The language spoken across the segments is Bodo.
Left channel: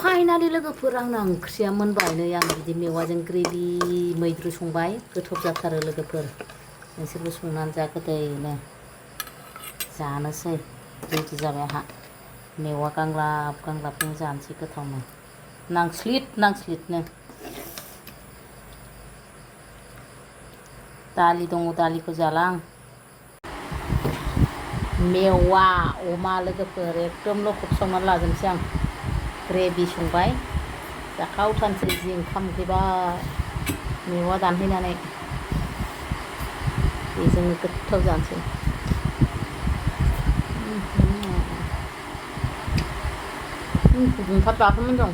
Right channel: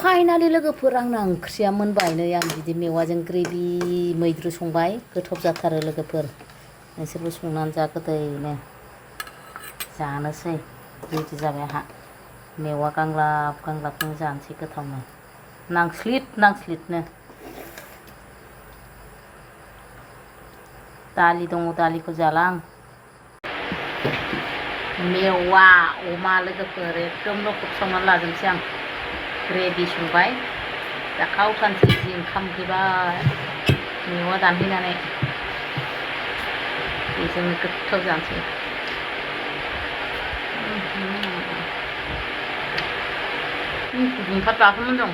फाइनालि लोगोफोर आंना ओंख्रिया मोनबाय नै आं बिदि मेवाजों ग्रेभि मैद्रु संबाय गोथाव जाथारो लोगोफोर नोंसोरबो संनानै जा गोदैनो जानोसै रेडि जाबाय आंहा मेवा गांलाब गांलाबजों जानोसै गोथावनो नांस्लिदनो दालि दङ दालिखौ जाला आं मेवा अमा लोगोफोर एकदम लखब संनानै लाजोबनोसै आं ग्रेभि संबाय जाखावथारनोसै जि ओंखाम उखैबाय मेवा दानहैनानै बेजोंनो गोथाव जानोसै गुदुंथार दासोमोन दं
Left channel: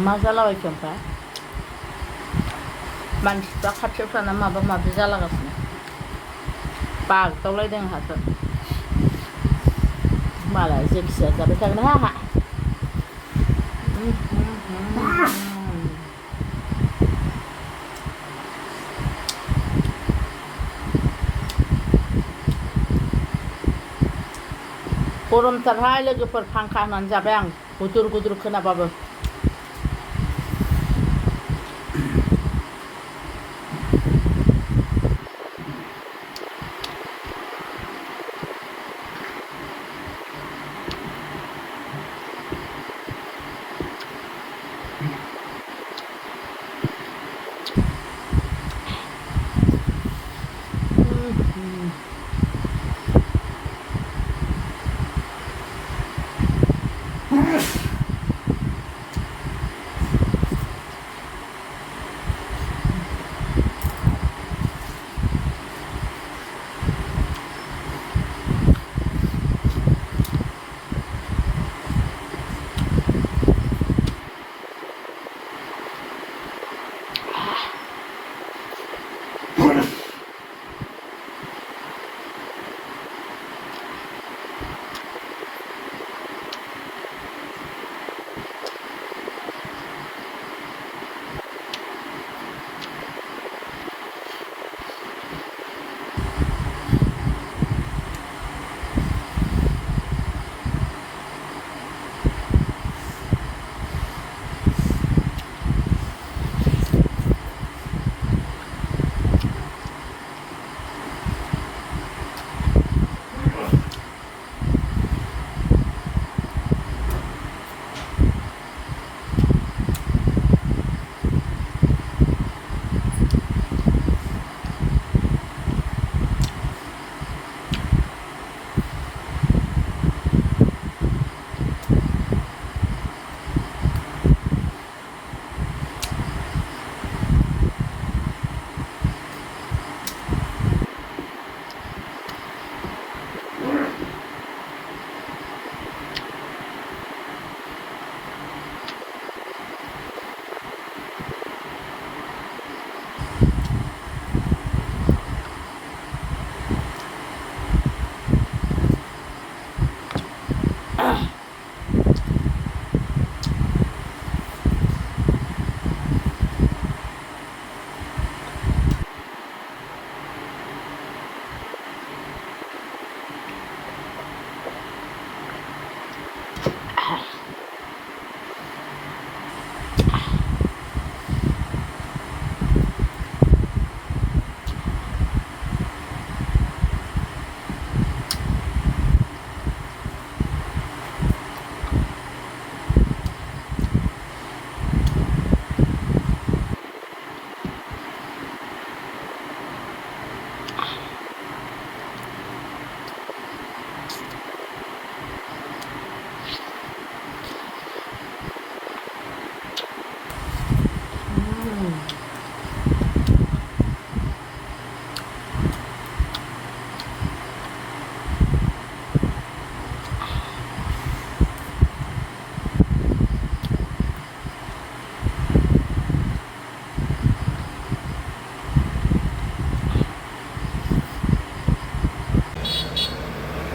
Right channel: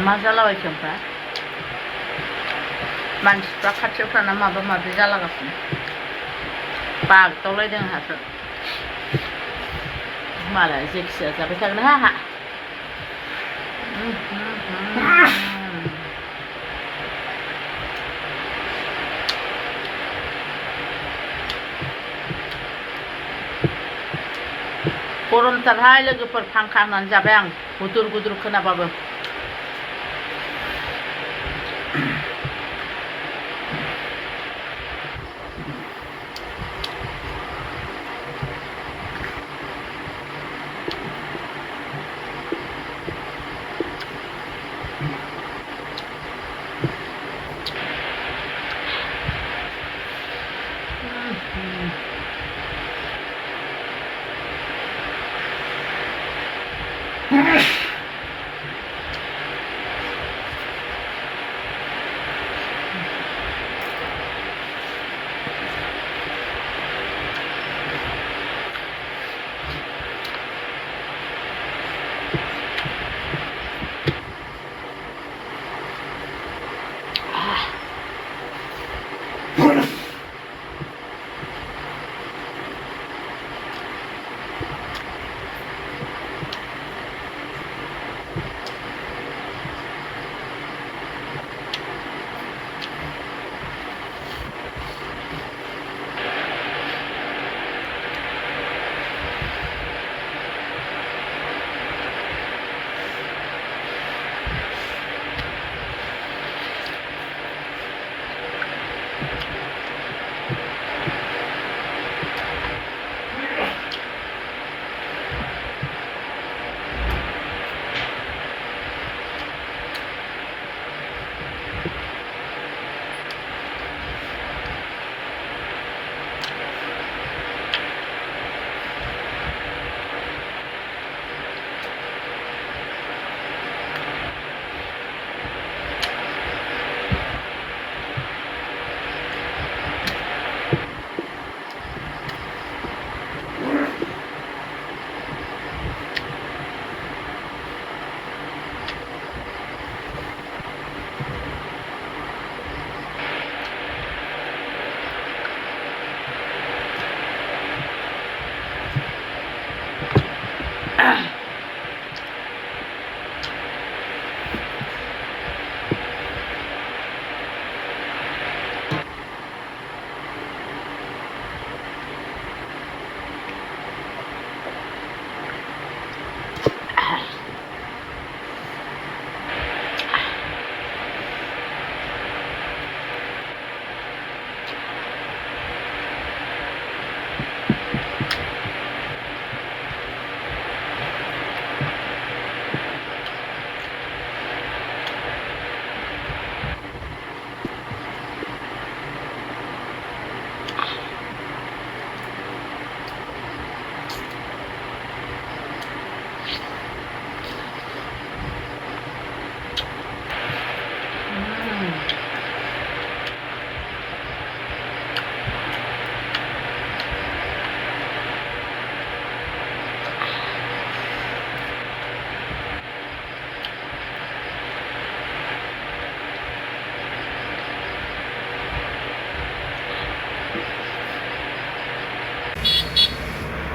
मा जालाबायखो ओमफ्राय मानसिफ्रा खाथियाव थाना माबा माबि जालागासिनो बागदावलायदों आंहासो मालाय जेखिजाया जाबाय थागोन आंहा गरमथारहाय लोगोफोर फांखा होनानै जाबाय आं गुदुर गुदुर खोनाबाबो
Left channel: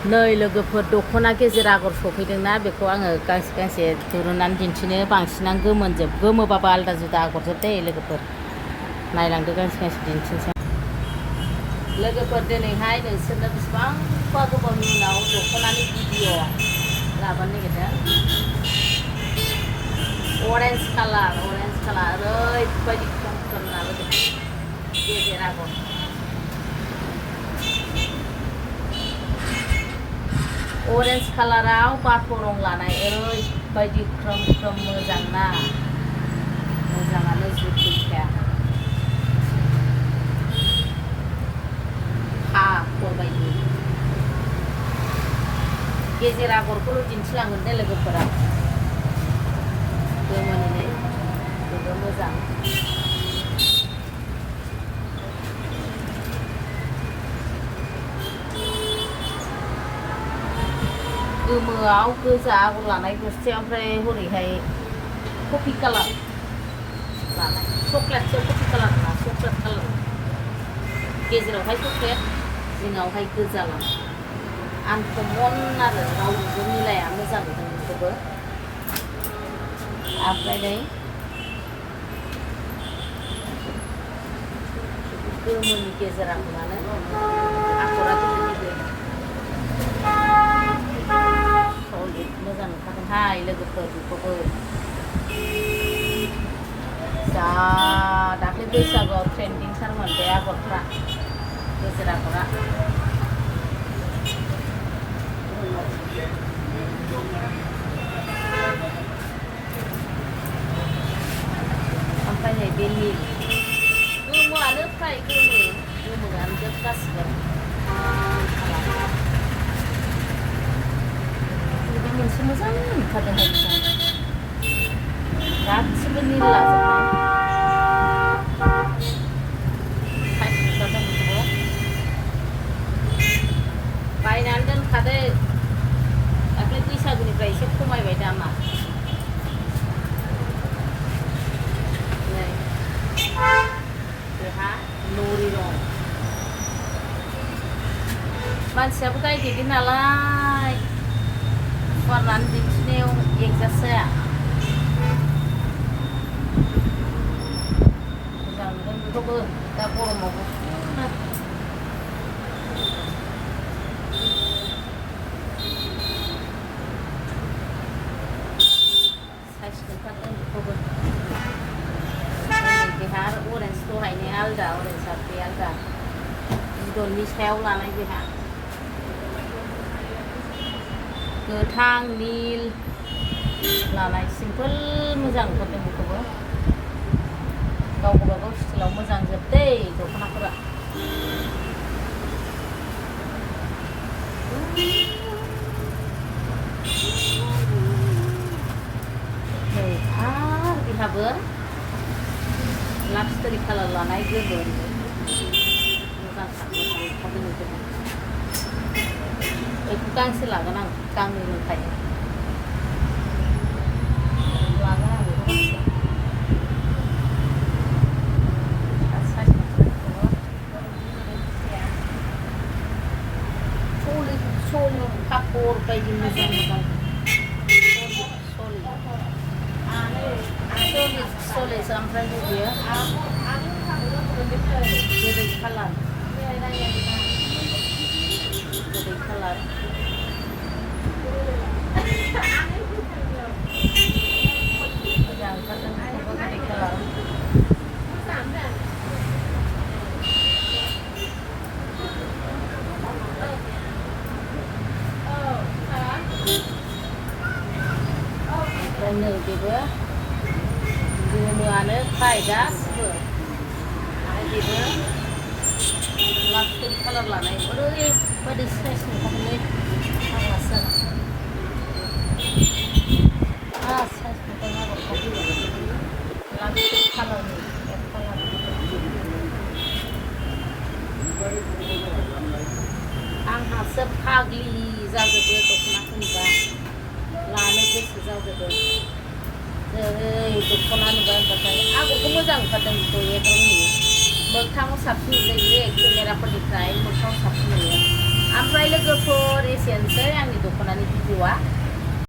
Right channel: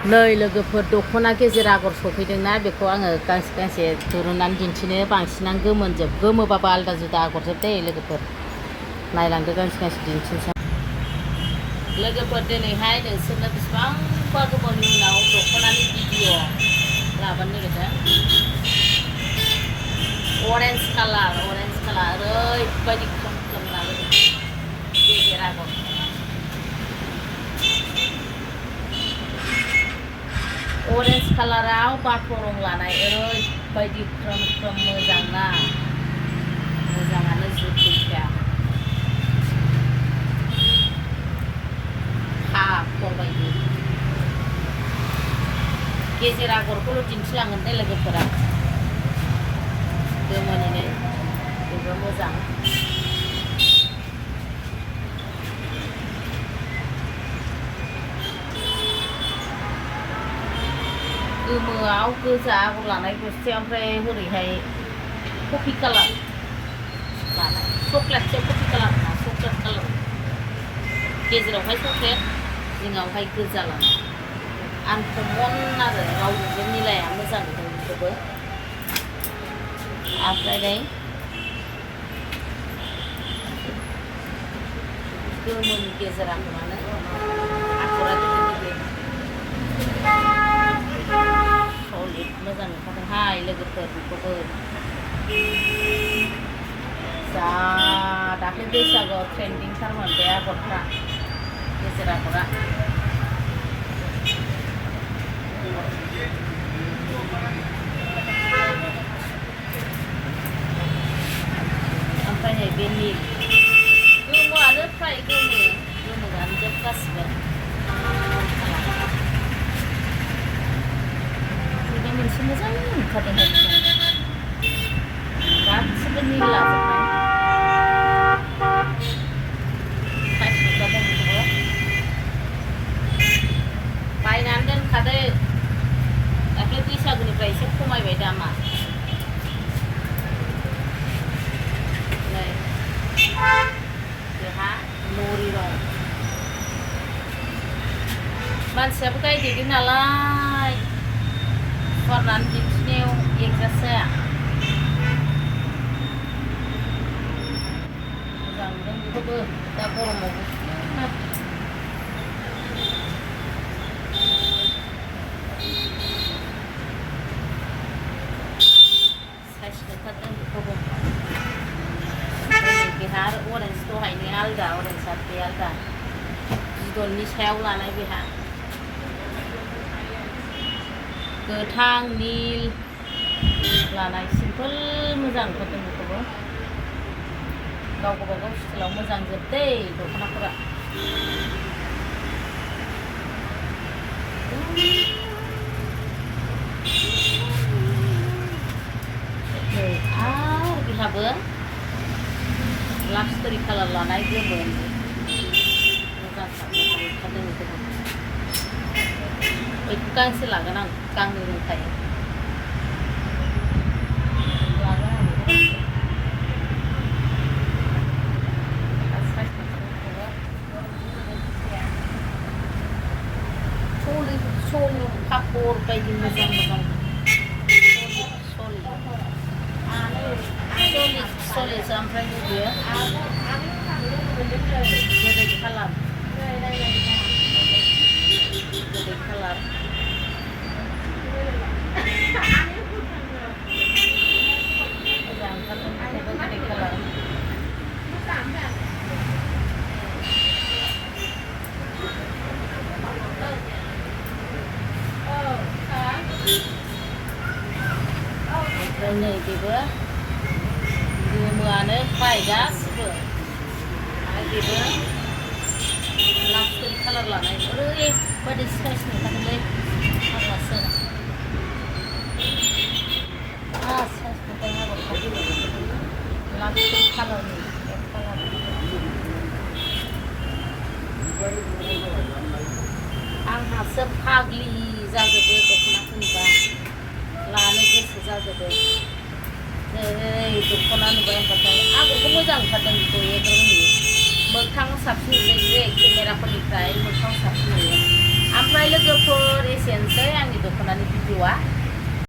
नै लोगोफोर दख'ना गेजेर आगर सफैदोंना बेखौ आङो गांसे गांसे दुरुननानै दिन्थिनो बांसिनानो गोमोनजोब गोमोबाबो आलादा जुदा आगरजोब दे लोगोफोर नायलांदो गांसे गांसे दिन्थिनोसै लोगोफोर दिनैहाय नोंसोरनो बेसेबांबा गोबावनि उनाव दख'नानि भिडिअ लाबोनो नागिरदों। अरेन्ज कालार ओरैबायदि ख्रोम ख्रोम लाबोदों गेजेर आगर। अरेन्ज कालाराव बाथ' रं लानाय ओरैबायदि ख्रोम ख्रोम मोजां ना, मोजाङानो जुथैखा बायदि। गेजेर आगरखौल' दिन्थिलांगोन दे लोगोफोरा, गोमोनिनो बेबो मोजां। गोमोआव गोजा आगर लानाय गस्से, ओमफ्राय हरैहाय कफि कालार लानाय, चक्लेटसो कफि कालार ना चक्लेट कालार, गेजेरावहाय चक्लेट जिङावहाय गोजा लानाय आनकमन आरो रावजोंबो मिलाया, मोजां नुदों बेखौबो। ओमफ्राय नै गोमोनि गेजेर आगरानो आगरा गिदिर सलिड मोजां नुखादोंहाय लोगोफोर। बेखौबो जा दाख्लै बैसागुआव ट्रेन्डिंथारमोन बे आगरफ्रा, गेजेर आगरा। ओमफ्राय नै बे नील गोमोआनो फ्राय गोमोआनो जोब गासिबो। बेबो मोनसे मोजां नुखादोंहाय गासिबो नील लाजोबनाय। बायनानै दोनखादो, दाख्लै बैसागुनिफ्राय एसे खमायबाय दामा। नै बेहा नरि रं, मानसियाबो गायदेरगोन नालाय फुवारनानै दिन्थिनायाव एडजास्ट जाया। मोजां नुदों बेखौबो, दा गरमावबो साइज नुथारदों बेखौबो। बेहा आरो अरेन्ज दहायनो आलदा, अरेन्ज बे आलदा बिदननि सायाव लानाय। बेहा गोथां नील लानाय सिम्पोल मोजां नुथारदों बेखौबो। गाव गावबागाव स्टाइलाव मोजां जोब दै दख'नाफोरा। नै आरो बेहाबो लाक्सटरि कालार लानाय गोमो मोजां ओंखारदों बेखौबो। बेखौ गांसे लागोन आं, गांनै दंखायो लागोन आं बेखौ गांसे। सलिड कापर बायदि मोजां मोजां सलिड ओमफ्राय बेयो गोदै कालार, गोदै कालार मोजां ओंखारदों बेखौबो, गोदै कालार। ओमफ्राय नै बेबो गोमोआनो फ्राय गासिबो, आरो बेबो लाक्सटरि कालार लानाय ओरैबायदि साइज नुखादोंलै फाग्लासो। साइज नुदों आगरखौ, लाक्सटरि कालारनि आंहासो फाग्लि जाजोबो दख'नाखौ नुबा, लानो गोसो जाजोबो। जै दख'ना नुबाय होनबाथाय आगरखौ मोजां ओंखारदों बेखौ एकदम नुयो, मोगथाङाव साबसिन नुदों बे केमेराफोरनिफ्राय मोगथाङाव साबसिन नुयो। ओमफ्राय लोगोफोर एसेनोसै आंनि दख'नानि भिडिअ'आ।